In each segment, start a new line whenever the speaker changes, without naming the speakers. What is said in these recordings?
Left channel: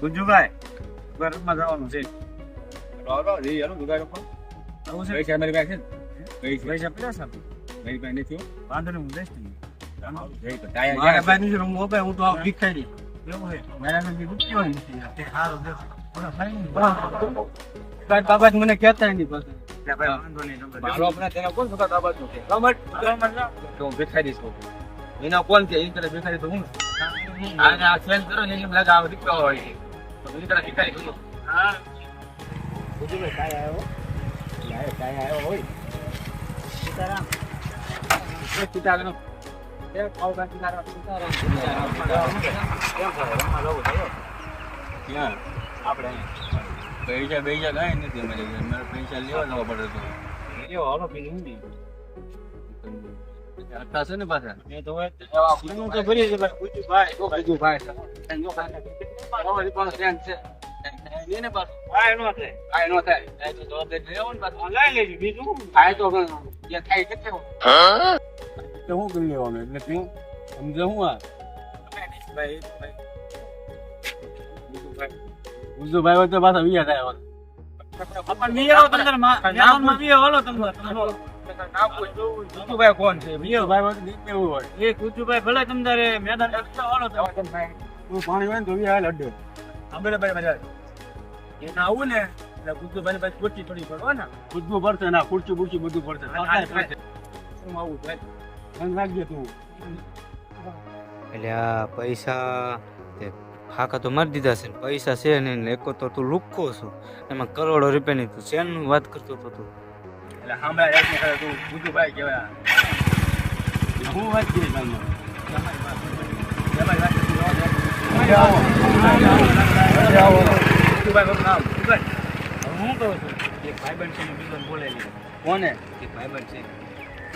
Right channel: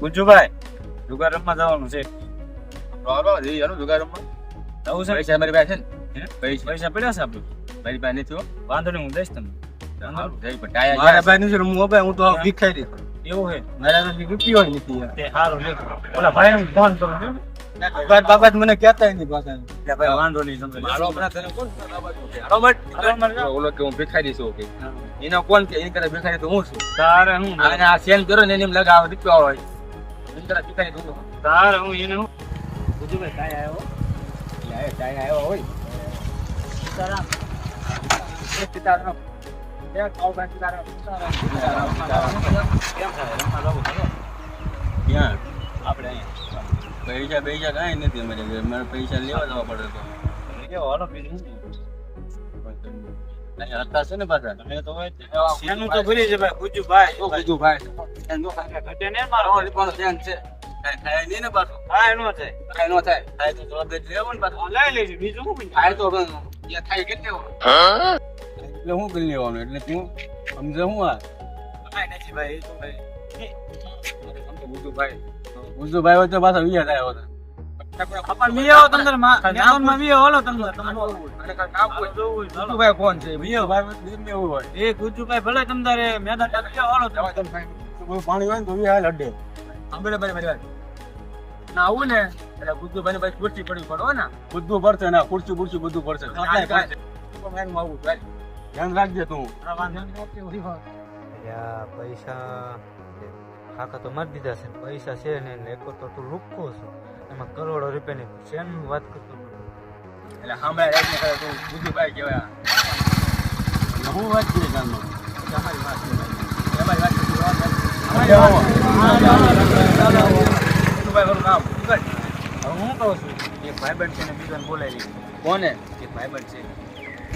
ગુજ્જુભાઈ જુગાર રમવા જવાનું છે.
બરાબર જઈ યાર જુગાર રમવા
જવું છે?
પૈસા મારી પાસે છે ને? પૈસા.
પૈસા પડ્યા છે આપણે
મારી પાસે નથી હો.
વાંધો નહીં હું જઈશ તમને.
સારું જઈ પણ ટાયા
મારા
યાર
નથી રમવું ભાઈ હું તો ભીખાઈ ભિખારી
એવું છે
મારા તો રૂપિયો નથી યાર.
સારું લે. ઓલા ભાઈ ફોન કરો છો
બાબા મને કહેતા નહીં પાછા.
ભાઈ વાંધો નહીં તમે
મારો હમણાં તને કોણ સુખા દાબાતું છે?
હાલો મત.
ઓલો કે હું ભીખાઈ છું કે? એના કોણ છે? એની કરે ભિખારી તો હું છું.
તારે હું
આ સેલ કરો ને એને લગાવ રૂપિયા હોય. તો એની કરે ભિખારી
તારે હું એને હું? ગુજ્જુભાઈ કાંઈ આવ્યો?
યાર ટાયા આવ્યો હોય.
સીતારામ.
સીતારામ.
આપણે
પૈસા પૈસા કાંઈ નથી અમારે પૈસા લેવા જવા પડે તો.
લ્યો હાલો બીજું
છે ને
બીજું શું
થાય તો થાય કેટલે હું કરી લેવાનું એટલે તું સમજે હું આ
ભાઈ નથી ભાઈ એ તો ભાઈ
ગુજુભાઈ ગુજુભાઈ તો પાછા વિયા થાય હોતા
પણ તંદરમાં મેદાનમાં વી આવો હાલો તંદર.
ગુજુભાઈ કોણ છે? ગુજુભાઈ હોય? તો દીપ હોય.
એ ગુજ્જુભાઈ ભલે તમતારે મેદાન.
પાણી હોય ને તો વિયા ભાઈ મારી એના આવું ને એટલે ગુજુભાઈ ને પછી ખુરશી પડવી પડે ને. બધું પડશે ના ખુરશી બુરશી બધું પડશે. આવું ધ્યાન રાખજે તું.
એટલે પૈસા ખાકા તો મારી દીધા છે પૈસા છે નહીં ને એકો તો તું લુક્કો છું. એમાં કરોડો રૂપિયાની તું શેનું વાત કરતો હતો તું?
એટલે સાંભળ્યા ખરે તું ગુજુભાઈ કહેવાય.
હું વાત કરી ગામમાં
તમારી વાત તમારી વાત મારું નામ
હું કહું છું એક ભાઈબંધ છે ને બીજાને બોલાવી લીધો
કોને?
એક ભાઈબંધ છે.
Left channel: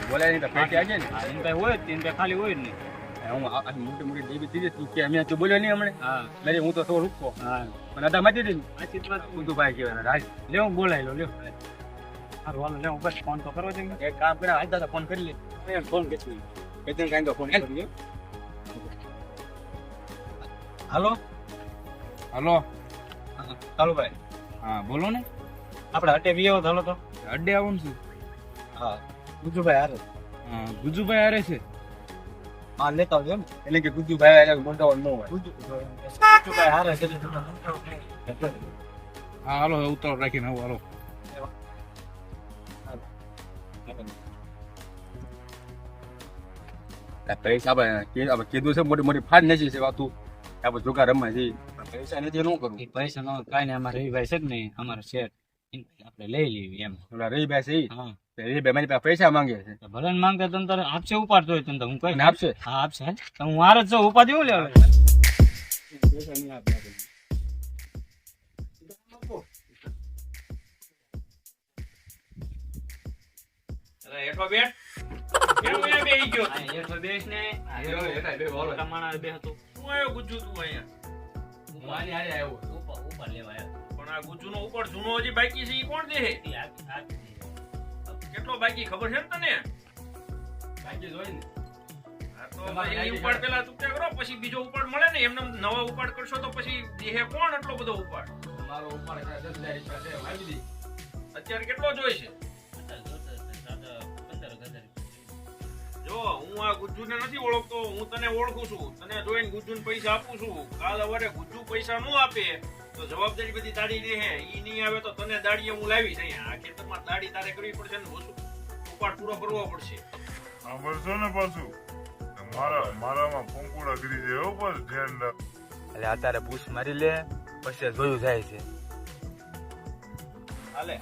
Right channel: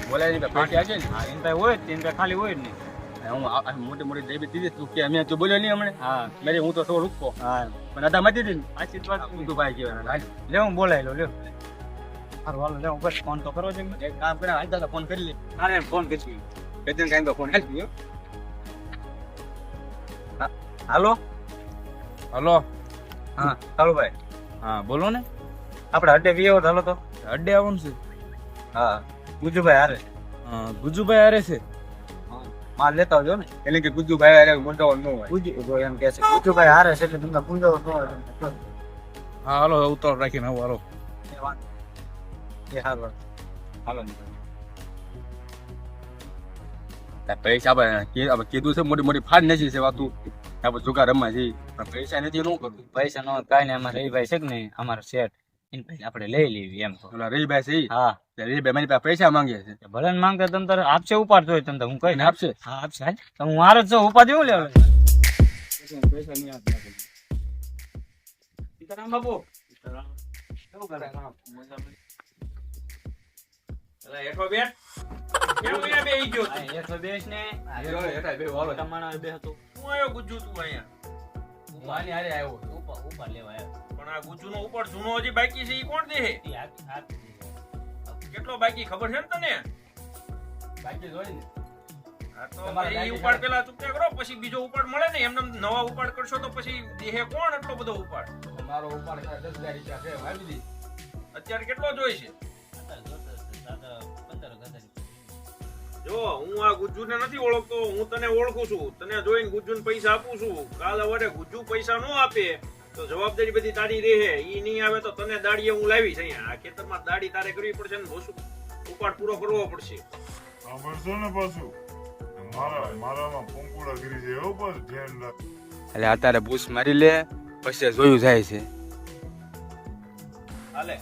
બોલાય નહીં પેટી આજે ને?
હા એને ભાઈ હોય જ એને ભાઈ ખાલી હોય જ નહીં.
હું આ- આ મોટી મોટી દેવી દીધી તું કે અમે તું બોલ્યો નહીં હમણે?
હા.
મેરે હું તો સો રૂપકો.
હા.
પણ અદા મતી
જ વાત
ગુજુભાઈ કહેવાય રાજ
લે હું બોલાવી લો. લ્યો હારું હાલો લે હું બસ ફોન તો કરવો છે.
એક કામ કરે હાલ દાદા ફોન કરી લે.
અરે ફોન કરશું
કેતન કાંઈ તો ફોન કરી
હાલો?
હલો.
હા હાલો ભાઈ.
હા બોલો ને.
આપણે અડે વિયો હાલો તો.
અડે આવવાનું છું.
હા. ગુજુભાઈ હારે.
ગુજુભાઈ હારે છે.
માલ લેતા આવજો ને.
એટલે કે ગુજુભાઈ આરે મોટા ન હોય.
ગુજુ તો એમ કે છે ગુજુભાઈ હારે છે એટલે તમને પૂંજાવો ન હોય.
હા હાલો ઉતાર રાખીને આવો હાલો.
એ વાંધો. એ હારું હાલો.
પૈસા આપણે કીધું છે મોટી મોટી ફાડ નથી છે વાતું. આપણે જુગાર રમવા જઈએ. પૈસા નથી એ કરવું
પૈસા નો કાંઈ નહીં અમારે રવિભાઈ છે કે નહીં અમારા શેઠ. એને પછી આપણે લઈ લેવી એમ.
ઓલા રહીભાઈ છે
હા.
તે રહીભાઈ મારી પાસે પૈસા માંગે છે.
ભલે માંગે તમ તારે આપશે ઉપાડતો હોય તમ તારે હું કઈ
આપશે?
હા આપશે. તો હું હારે જ છું હું લેવા?
પૈસા નહીં આપે
સીતારામ બાપુ. કેવું કરે?
હેઠો બેઠ કેમ અહીંયા બેહી ગયો.
આ બેસ ને.
બે.
તમારા બે હતો
હું આવ્યો ગુજ્જુ તું અહીંયા?
મારી હારે આવ્યો.
ઉપર ઉપર લેવા આવ્યો.
પણ આ ગુજ્જુનો ઉપર જૂનો હજી બાકી છે ઈ કોણ દે. કેટલો બાકી ખબર છે ને તને?
બાકી જ હોય ને.
આ તો ભાઈ ઉપાડ પેલા ચૂક્યા કરો પછી બીજો ઉપાડ મળે ને એમને નવા ઉપાડ કરશો તો પછી દેહે કોણ એટલો બધો ઉપાડ?
મારો ઉપાડ ખાલી દસ હજાર રૂપિયા છે
અત્યારે કેટલો જોઈ છે?
પંદર હજાર.
જો હું આ ગુજ્જુને નથી ઓળખતો હું તને ઓળખું છું. તને જોઈને ગુજ્જુને પૈસા આપું છું. કાલ અવારે ગુજ્જુ પૈસા ન આપે તો જવાબદારી બધી તારી રહે. ઈ નહીં આવે તો તને દાડીએ હું લાવીશ અહીંયા. આ ખેતરમાં દાડી તારે કરવી પડશે ને ઓછું ઉપાડ પૂરો કરવો પડશે.
સાંભળશો ને પાછું. મારા મારામાં પોંકુડા કરી છે હો બસ ધ્યાન રાખ.
એટલે અત્યારે બૂસ મારી લે પછી જોયું જાય છે.
હાલે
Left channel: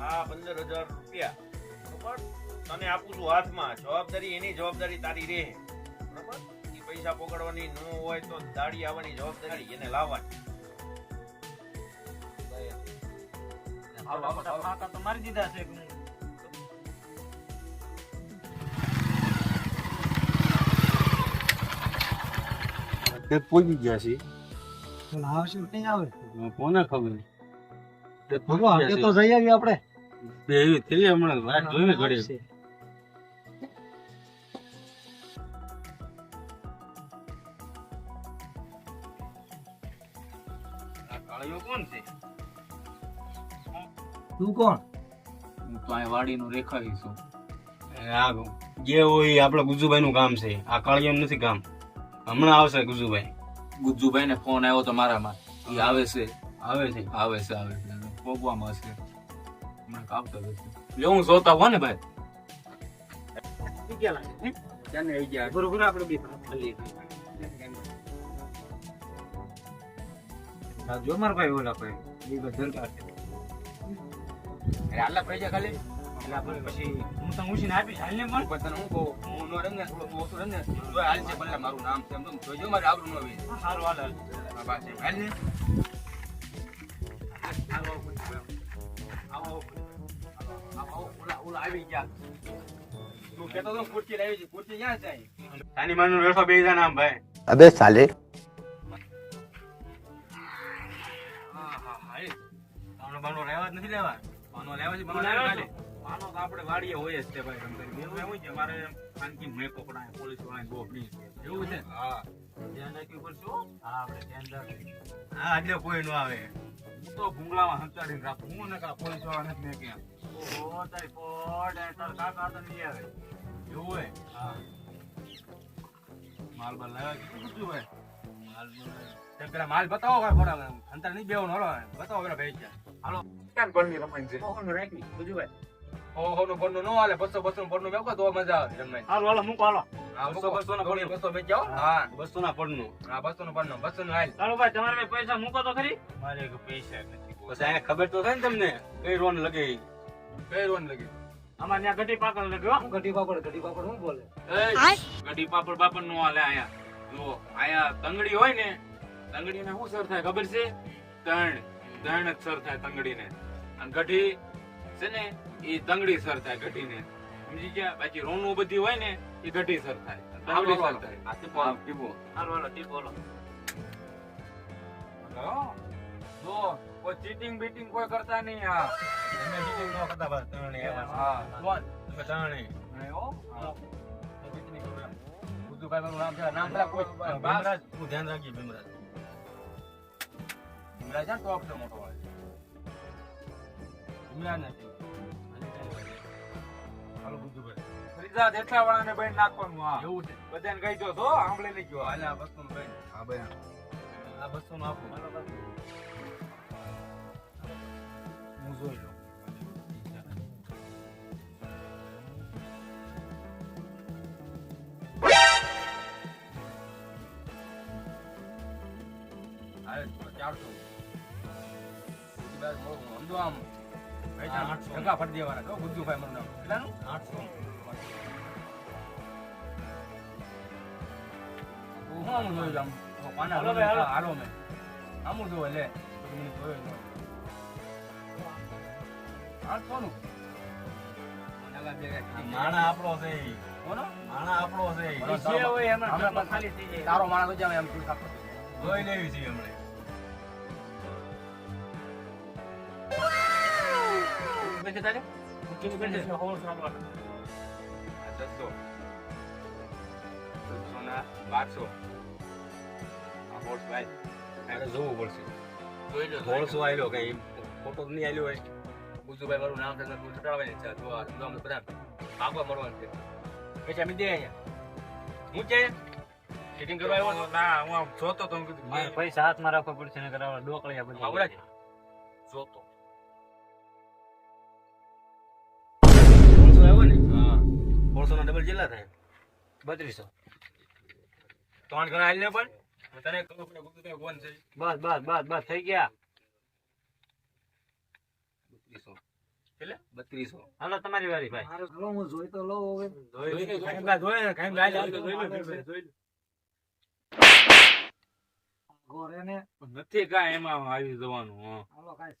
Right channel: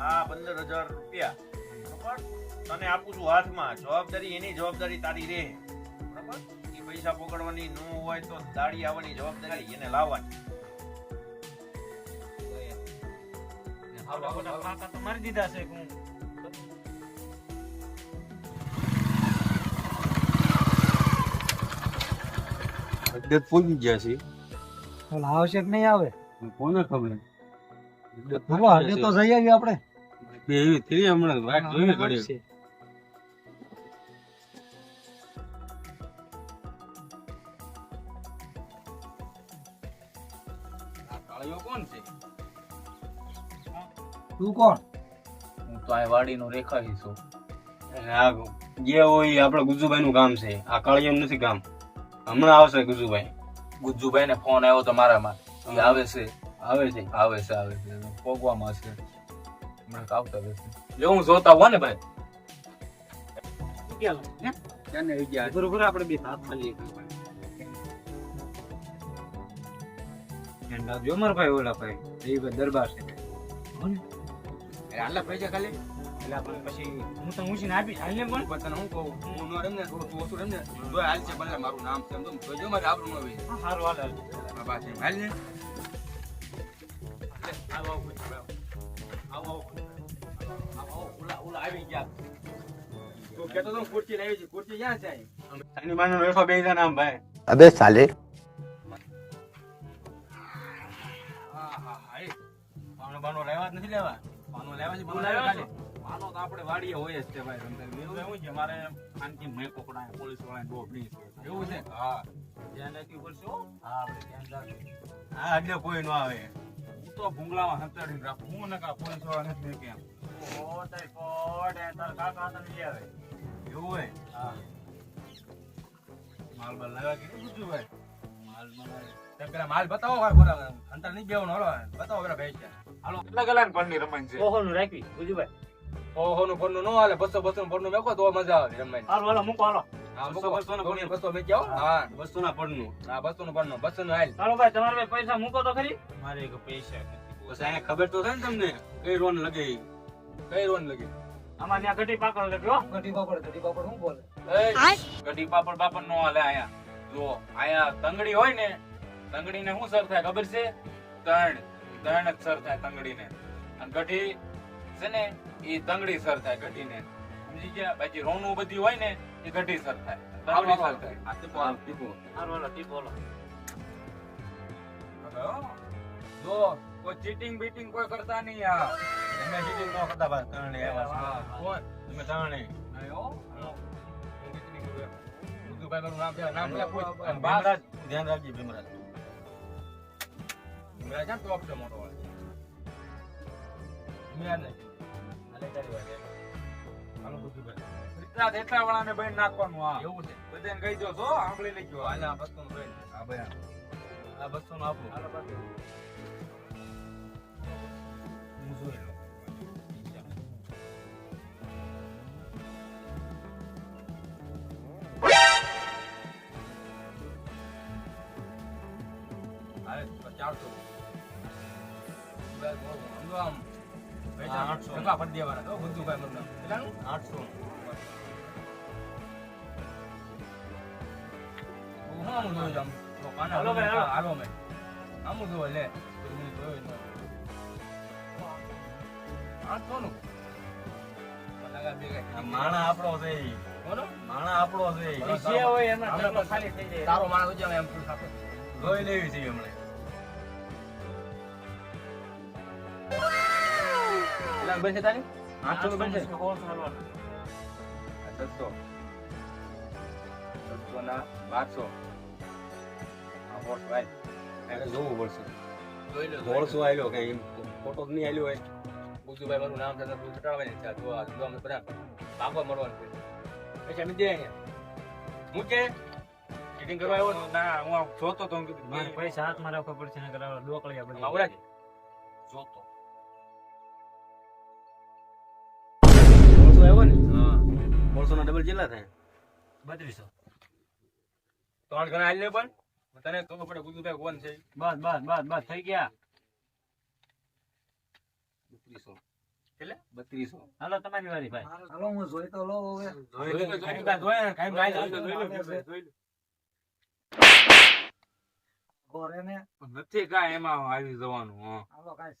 આ પંદર હજાર રૂપિયા. તને આપું છું હાથમાં. જવાબદારી એની જવાબદારી તારી રહે. બરોબર? એ પૈસા પકડવાની ન હોય તો દાડી આવવાની જવાબદારી એને લાવવાની.
આવડા મોટા ફાંકા તો મારી દીધા છે હું?
અડધે પહોંચી ગયા છે.
આવશે કે નહીં આવે?
કોને ખબર?
આજે તો જઈ આવીએ આપણે.
બે એવી થઈ હમણાં. વાત જોઈને ઘડી
તું કોણ?
હું તો આ વાડીનું રેખાવી છું.
આ જે હોય એ આપણે ગુજુભાઈ નું કામ છે. આ કાળિયાનું નથી કામ હમણાં આવશે ગુજુભાઈ.
ગુજ્જુભાઈ ને ફોન આવ્યો તો મારામાં. એ આવે છે.
આવે છે.
આવે છે આવે છે. ભોગવામાં છે. હમણાં આવતા હશે. લે હું જોતા હોય ને ભાઈ. ક્યાંને આવી ગયા?
બરોબર આપણે બે ભાગ ખાલી જો મારા ભાઈ ઓલા ભાઈ એ ભાઈ દરબાર છે.
એટલે આટલા પૈસા ખાલી?
એટલે આપણે પછી હું તને ઉછીને આપીશ હાલને પણ?
પણ તને હું કહું હું ન રમને થોડું ઓછું રમને. તો હાલ છે ભલે મારું નામ છે એમ તો જોજો મારે આબરું ન હોય
સારું હાલ હાલ.
બસ એમ હાલ ને.
આવો આવો
આવો. ઓલા ઓલા આવી ગયા. કેતો તો કુર્તી લાવી કુર્તી ક્યાં છે
તાની માનું વેળફા બે જણા નામ ભાઈ.
અબે સાલે.
બાનો રહેવા નથી લેવા
પાનો લેવા છે
પાનો લેવા છે.
પાનો તો આપણે વાડીએ હોય જ છે ભાઈ રમતા
એવું એવું છે મારે ખાનકી મેં પકડાય પોલીસવાળા બહુ પ્લીઝ
એવું છે? હા.
ધ્યાન રાખ્યું પડશે હા? આપણે ધ્યાન રાખીએ. હા એટલે કોઈ નો આવે. હું તો ભૂંગળામાં હંતાડીને રાખું. હું ને કા પોલીસવાળા નથી મેં ક્યાં. ઓહો તારી પોટ એ તારા કાકા તને લઈ આવે. એવું હોય? હા. માલ બાલ લાવ્યા કે શું કીધું ભાઈ? માલ.
પેલા માલ બતાવો ભાઈ બોલા અંતર નહીં બેવાનું હાલો બતાવો પેલા ભાઈ છે હાલો કેટલા કલાક પરની રમાય છે.
ઓહો નું રાખી ગુજુભાઈ
ઓહો નું પરનું ન હાલે બસો બસો નું પરનું મેકો તો મજા આવે રમાય
હાલો હાલો મૂકો હાલો.
બસો બસો નું બસો મેં હા.
બસો ના પડનું
હા બસો નું પરનું બસો નું હાલ
ચાલો ભાઈ તમારે પૈસા મૂકો તો ખરી. મારે પૈસા નથી પછી અહીંયા ખબર તો થાય ને તમને કઈ રોન લગે?
કઈ રોન લગી?
અમારે ત્યાં ગઢી પાપડ લગ્યો
ગઢી પાપડ ગઢી પાપડ શું બોલે?
ગઢી પાપડ બાપડ નો હાલે આયા જો આયા તંગડી હોય ને તંગડી ને શું સર થાય ખબર છે? તણ તણ જ સર થાય તંગડી ને અને ગઢી છે ને એ તંગડી સર થાય ગઢી ને સમજી ગયા? બાકી રોનું બધી હોય ને એ ગઢી સર થાય. તંગડી સર
હાલો?
જો કોઈ ચીટિંગ બીટિંગ કોઈ કરતા નહીં આ
તમે ચીટિંગ ન કરતા બસ ત્રણે એવા
હા કોણ
તમે ત્રણે.
નહીં હો. મારું નામ પેલા નામ પેલા કોઈ બાસ
ધ્યાન રાખી ભીમરાજ.
મેરા છે ને તો આપડે મોટો હોય
ભીમરાજ નથી. હાલે તારી વાત. હાલો બુદ્ધુભાઈ.
ફરીદાદ એટલા વાળાને બહેન નાખવાનું હા એવું છે બધાને કહી દો છો આંબળે ગયો હાલે આ બસો બહેન હા બહેન
આ આપણું. હાલો બાકી. હું જોઈ લઉં.
સમજો આમ ટકા ફરી દેવાના. તો બુદ્ધુભાઈ મારું નામ. કેટલાનું?
આઠસો.
હું હું આમ જોયું આમ? પાના
હાલો ભાઈ, હાલો.
હાલો મેં. આમ જોવે લે. મને જોયું જ આઠસો નું મને લાગે બે કાંઈ
માણા આપણો છે. માણા આપણો છે.
તારો માણસ એમ
જોઈ લેવી છે હમણાં.
કેટલાનું બનશે તારે? આઠસો નું બનશે? છસો. છસો ના બારસો. આ ભાઈ.
જોવું પડશે. એમ ફોટો નહીં હોય.
મારું નામ તું ચટાડવાની આ અમે બધા. ભાગવા મળવાનું છે. પૈસા મી દે અહીંયા. હું છે ચીટિંગ કરવા આવ્યો? ના હું આમ જોતો તો કીધું
પૈસા હાથમાં રાખવો પડશે નકર આવા ડોકળિયા બની
જોતો.
ના ડબલ કેટલા થાય. બત્રીસો.
ત્રણ ગણા હાલ ને પણ. તને ખબર પડે બુદ્ધુભાઈ કોણ છે.
બસ બસ બસ બસ થઈ ગયા.
બત્રીસો. બત્રીસો.
હાલો તમારી વારી ભાઈ.
હાલો હું જોઈ તો લો હવે.
જોઈ લે જોઈ લે. જોઈ લે કાંઈ ગાય
જોઈ જોઈ લે,
જોઈ લે જોઈ લે.
ઘરે ને.
નથી કાંઈ એમાં આવી જવાનું
હાલો કાંઈ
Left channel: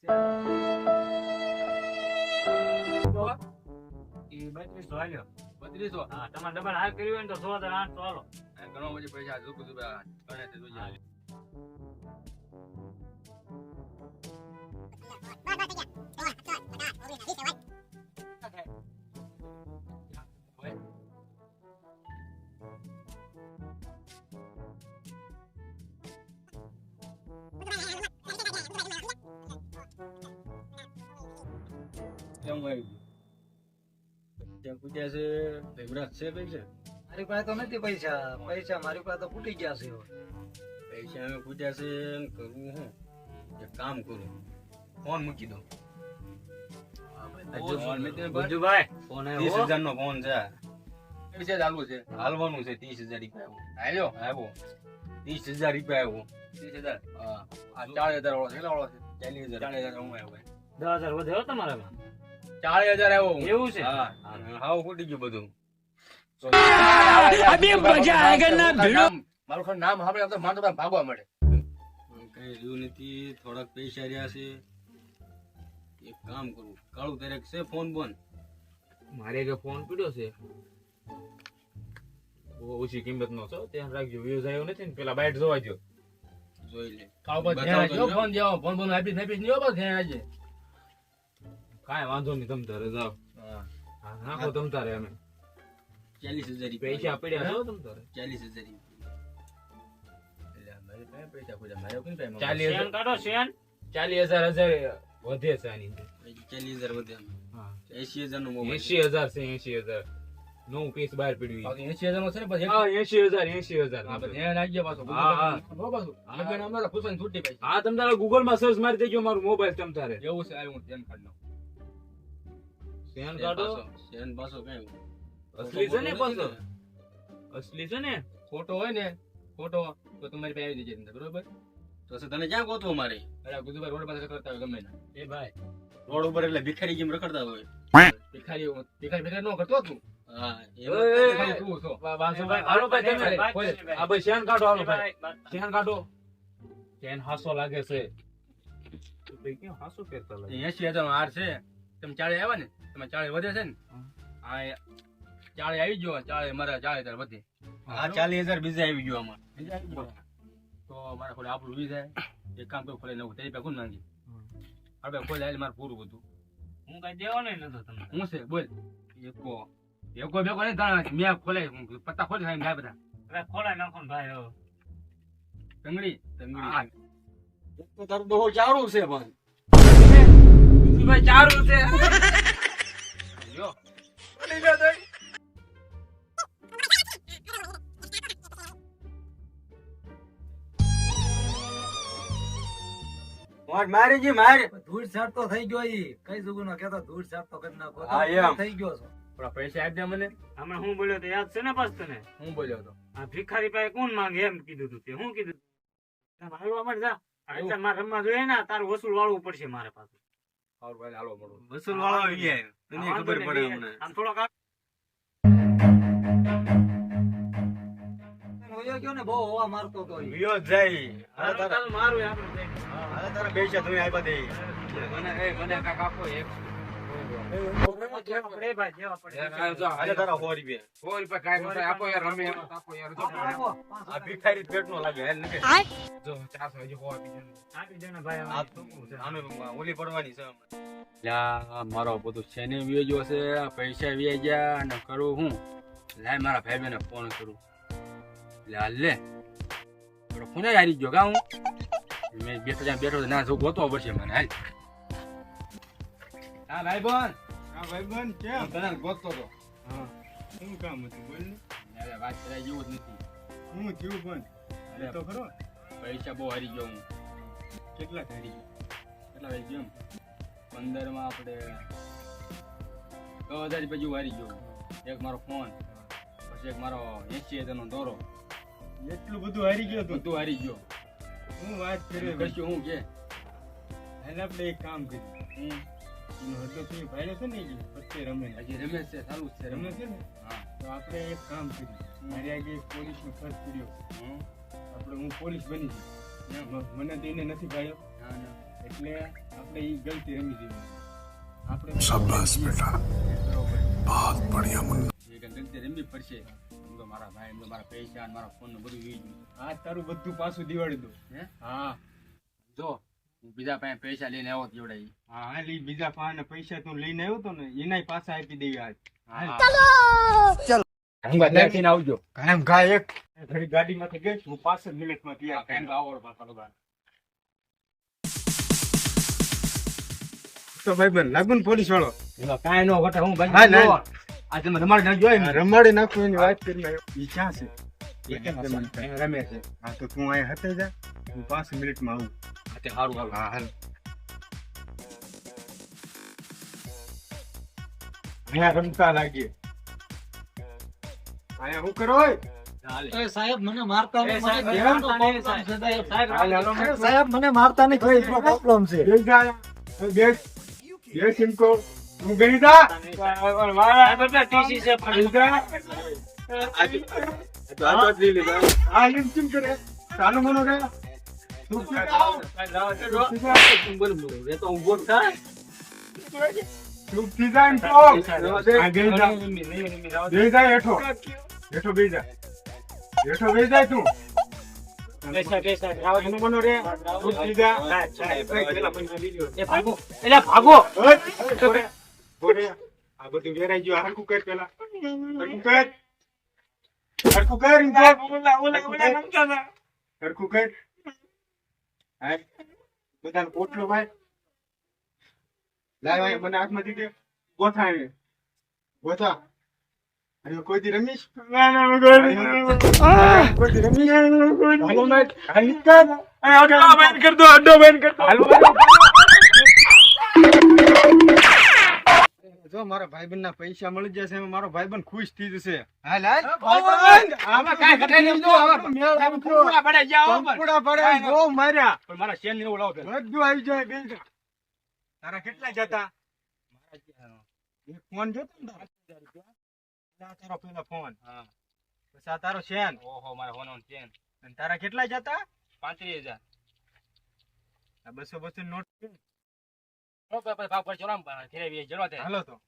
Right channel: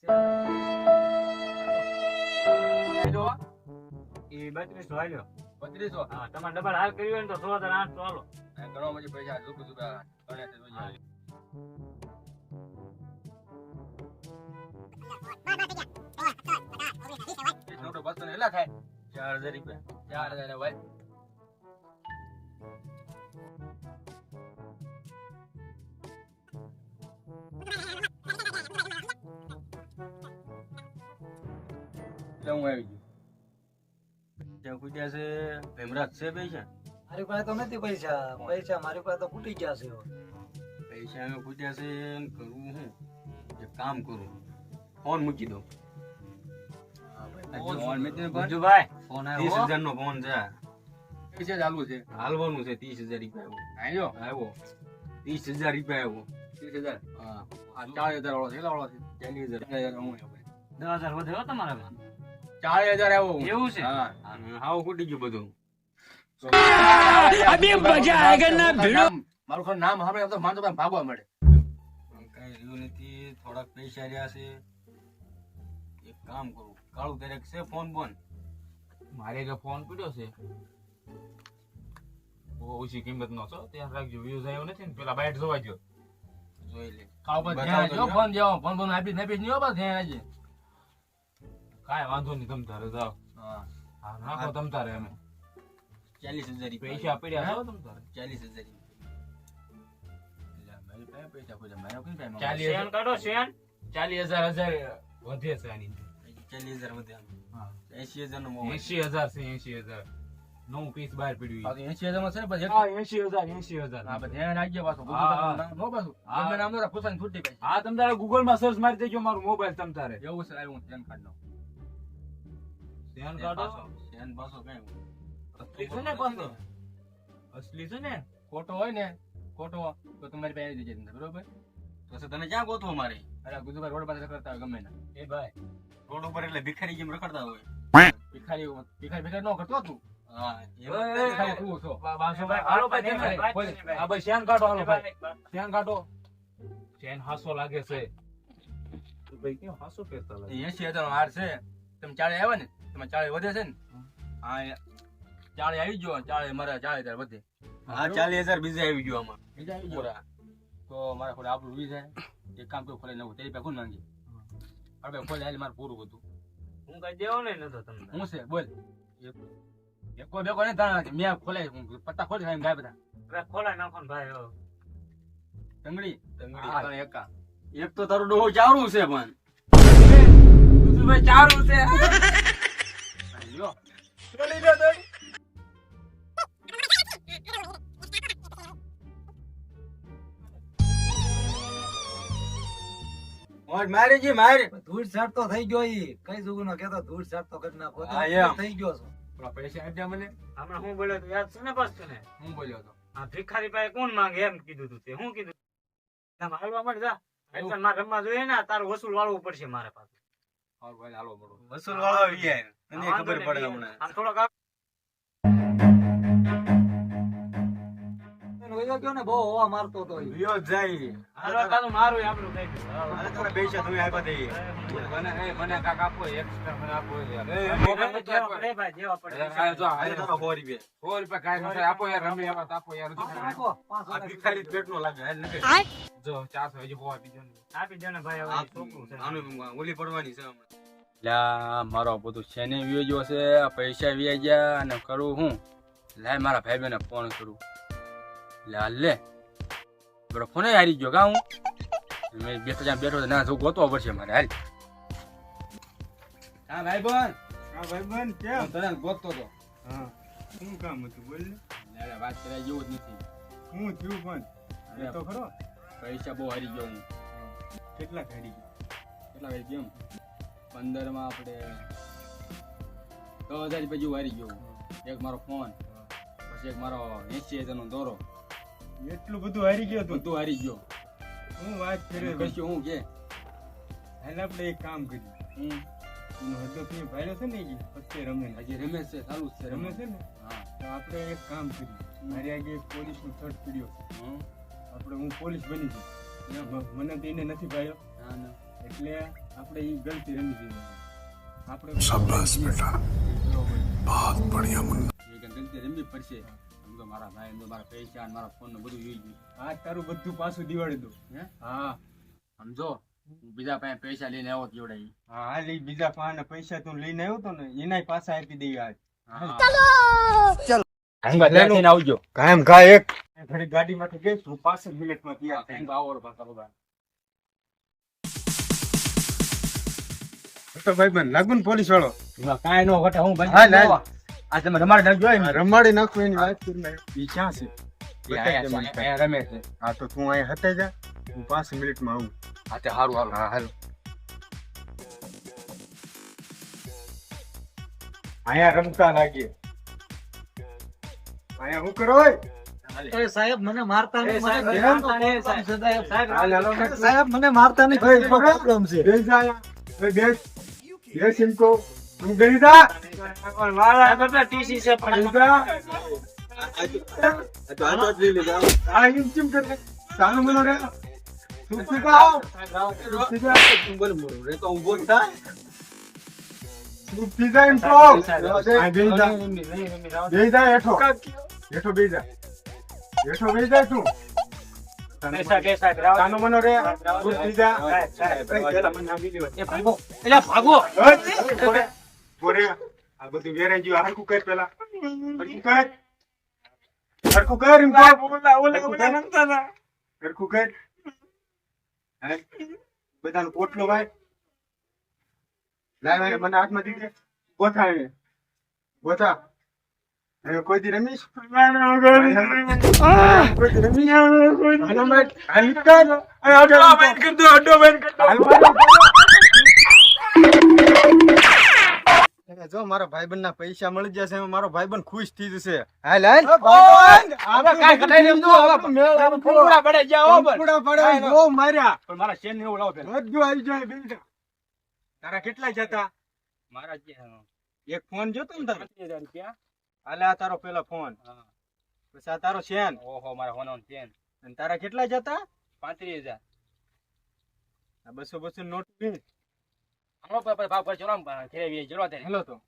બત્રીસો હાલ્યો
બત્રીસો?
હા તમારે ડબલ હાર કર્યું ને તો સો હજાર આઠસો હાલો.
ઘણો પછી પૈસા ઝુકું ઝુકા બસો ને એટલા ચાર હજાર રૂપિયા. ચાર હજાર ભાઈ Então પૂછ્યા છે? ભીમરાજ છે પૈસા
મારી પાસે તો નથી પૈસા. પૈસા મારી પાસે તો ફૂટી ગયા છે
પૈસા અમે ફૂટ્યા છે એમ કરવું હું. એક કામ કરું. ફોન મૂકી દઉં. ત્રીસ હજાર છે. પૈસા ચાલુ છે. હાલવાનું છે ત્રીસ હજાર રૂપિયા આવ્યો? ત્રીસ હજાર રૂપિયા આવ્યો ત્રીસ હજાર? ચાર હજાર વાળો છે ચાલીસ હજાર. ચાલીસ હજાર
દસ હજાર વધ્યો તમારા
ચાલીસ હજાર આવ્યો.
એવું છે?
હા. ખૂટી ગયું બધું. મારું ફોન નામ સાંભળે તો માણસો બધા ભાગવા મળે. કઈ રહ્યું નથી. થોડાક પૈસા રહ્યા છે. એક કામ કરું. કાળું તારે છે ફોન બોન
મારે જો ફોન પીડ્યો છે. બહુ ઓછી કિંમત નો છો. ત્યાં રાખજો વ્યૂઝ આવ્યો નથી ને પેલા બાઇટ જોવા જો
જોઈ લે.
ફોન
પર ફોન ફોન આપી આપી નહીં બસ ત્યાં આપજે
કાંઈ વાંધો નહીં તમ તારે જાઓ.
હા.
હા નાખો તમ તારે અમે.
ચાલીસ હજાર
પૈસા પડ્યા છો તમ તારે?
ચાલીસ હજાર મારી પાસે પૈસા ખોજા મારે કઈ પાસે
ચાલીસ હજાર. હજાર વધે છે આની
ચાલીસ હજાર વધે
હા.
એસી હજાર નો
એસી હજાર છે એસી હજાર. નવું કેસ બહાર પડ્યું
એસી હજાર નો છે
એસી હજાર એસી હજાર.
બસ પાછો. નો પાછું નામ ના પૂછવાની છૂટી
હા તમ તારે ગૂગલમાં સર્ચ મારી દેજો મારું મોબાઈલ તમ તારે.
એવું છે હું ધ્યાન કાઢ
શેન કાઢો
શેન પાછો કઈ
અસલી છે ને પાછો? અસલી છે ને?
ખોટો હોય ને ખોટો તો તમારી પાસે આવી જજે બરોબર? તો તને ક્યાં ગોતવો મારે? અરે ગુજુભાઈ રોડ પાસે રખડતા હોય ગમે ના. એ ભાઈ. રોડ ઉપર એટલે ભિખારી જેમ રખડતા હોય. ભિખારી ભિખારી ભિખારી નો કરતો તું? હા
એ, એ, એ.
તું છો.
વાંધો હાલો ભાઈ તમે. આ ભાઈ શેન કાઢો હાલો ભાઈ. શેન કાઢો. શેન હાસો લાગે છે. ભાઈ કેમ હાસો ફેરતા લાગે?
એસી હજાર હાર છે. તમે ચાળે આવે ને તમે ચાળે વધે છે ને હા ચાળે આવી ગયો ચાળે મારા ચાળે હજાર વધે. હા ચાલીસ હજાર બીજા આવી ગયો આમાં. બીજા આવી ગયો? તો મારા ખોલે આપણું વી જાય એક કામ કરું ખોલે નવું તેરી પેકું નાખી આપણે ખોલે હાલે મારે પૂરું બધું.
હું કઈ દેવો નહીં નતો તમને.
હું છે બોલ. એકો એકો બેકો ને તને મેં ખોલે હું પત્તા ખોલી ખાઈ ભાઈ બધા.
હવે ખોલાઈ નાખો ને ભાઈ હો.
તંગડી. તંગડી એકા. એક તો તારું ડોહો ચારું છે પણ.
ભાઈ ચારું છે.
મારી જી મારી.
ધૂળ છાટ તો થઈ ગયો ઈ. કઈ જુગુ નો કેતો ધૂળ છાટ તો કરી નાખો.
હા,
તો
એમ.
થઈ ગયો છો.
પૈસા આપી મને.
અમે હું બોલ્યો તો યાદ છે ને બસ તને?
હું બોલ્યો તો?
આ ભિખારી પાસે કોણ માંગે એમ કીધું તું તે? હું કીધું હાલવા માંડ જા. મારે રમવા જોઈએ ને તારું વસૂલ વાળવું પડશે મારે પાસે.
સારું ભાઈ હાલો મળો
વસૂલ વાળવા આવી
જાય
તને ખબર પડે હમણાં આમ થોડોક
વયો ગયો ને બહુ હવા મારતો તો
વિયો જાય
હાલો તારું મારું આપણું થઈ ગયું.
હાલે તારા પૈસા તમે આપ્યા દે મને એ મને કાક આપો એક આપો એ
ભાઈ, જેવા પડે.
હાલે તારા સો રૂપિયા સો રૂપિયા કાંઈ નતા આપો યાર રમી એમાં તો યાર
આપો, આપો,
આ ભિખારી પેટ નો લાગે હાલ નકે જો ચારસો હજી સો આપી
આપી દો ભાઈ, હવે છોકરું છે.
આનું ઓલી પડવાની છે હમણાં મારો બધું શેની વ્યો છે પૈસા વ્યાજ્યા ગયા અને કરું હું લાય મારા ભાઈ બહેને ફોન કરું લે બરો ફોને હારી ગયો કા હું? મેં બેઠો જ્યાં બેઠો ના જો ગોતો પડશે મને હાલ. હા ભાઈ બોન
હા ભાઈ બોન
કેમ તને ગોતતો તો.
હા. શું કામ હતું બોલ ને?
લે, વાત કરાય જેવું જ નથી.
હું થયું પણ
અરે,
તો ખરો.
પૈસા બહુ હારી ગયો હું.
કેટલા હારી
ગયો? કેટલા હારી ગયો પંદરમાં આપણે દસ હજાર રૂપિયા જેવું હારી ગયો. એક મારો ફોન પછી એક મારો એસી હજાર નો દોરો.
એટલું બધું હારી ગયો તો.
બધું હારી ગયો.
હું વાત કર્યો
કશું હું કે?
હાલે આપણે એક કામ કર્યું
હું?
હતો તમે ભાઈ છે ને પછી રમે
હજી રમે છે સારું છે
રમે. છે ને?
હા.
તો આપણે એક કામ કર્યું મારી આગળ એક પોલીસનો ખર્ચ કર્યો. આપણે હું પોલીસ બની ગયો. મને તો એને નથી ભાઈઓ એટલે આપણે એ ગલતી રમી દીધી આપણે
શાબાશ બેટા. બહુત
બઢિયા મુન્ના. ગલતી રમવી પડશે. મારા ભાઈ મારા પૈસા મારા ફોન ને બધું યુઝ
આ તારું બધું પાછું દિવાળી દો
હે?
હા.
સમજો હું બીજા પાસે પૈસા લઈને આવ્યો તો
હા હાલ બીજા પાસે પૈસા તું લઈને આવ્યો તો ને એના પાછા આપી દેવી આજ
હંગાત લઈને આવજો.
કાયમ ઘા એક. ઘડી ગાડીમાંથી ગઈ હું પાંચ મિનિટમાં તૈયાર થઈ
આવો પાછા
તો ભાઈ બન લાગુ ને પોલીસ વાળો
કાંઈ નો ઘટે હું
હા, લા.
આ તમે રમાડી નાખજો એમ.
રમાડી નાખું એની વાત કરી મેં ઈ ક્યાં છે?
એ રમે છે.
હા તો તું અહીંયા હતે જા. હું પાંચ મિનિટમાં આવું.
હા તે સારું હાલ
હા હાલ. અહીંયા રમતા લાગીએ. અહીંયા હું કરો હોય?
સાહેબ મને મારતા નહીં,
સાહેબ,
મને
મારતા નહીં,
પ્રોબ્લેમ છે, સાહેબ.
હાલ, હાલો ને.
સાહેબ મને મારતા નહીં ઘેરનો problem છે
બેસ જા અહીંયા. ઓય, બેસ બેસ ઇનકો તું બેસી જા બેસી જા. હા, એમ કેમ કરે? ચાલો મનો રે. તું સીધા આવ. તું સીધા આવ.
રેતો હું
તું સીધા એમ કહો. હા, બેસી જા. હેઠો. હેઠો બેસી જા. હેઠો બેસી જા તું. ચાલો મનો રે. તું સીધા.
એ ભાગો
બોરે. આ બધું વેરાઈ ગયું. આ હરખું કર પેલા. હરખું કર. હરખું કર એમ કહો. હરખું કર. હરખું કર. બધાનો પોટલો ભાઈ લાય ભાઈ મને હાથમાં દીધે ગોથા એને ગોથા કોઈ દી રમીશ કોઈ દી રમીશ હાલો ભાઈ હાલ નીકળ. હાલો જો મારા ભાઈબંધ ના પૈસા મળી જશે મારો ભાઈબંધ ખુશ થઈ જશે. હાલ હાલ.
હવે કાંઈ ઘટાઈ નહીં તો હવે ફૂંફૂડા પડે ગયા હો
પડે બહુ માર્યા.
પણ મારા શેર ને એવું લાવો
બધું આવી જાય બે તારા કેટલા જતા?
મારા
એક ફોન જોતો ને તારા?
પાંત્રીસ હજાર રૂપિયા.
હાલે આ તારો પેલો ફોન.
હા.
પછી આ તારો શેન.
ઓહો મારા ફોન શેન.
અને તારા કેટલા જતા?
પાંત્રીસ હજાર.
આ બસો બસો નોટ
ભાવ પર ચલો આવીએ, ચલો.
હાલો તો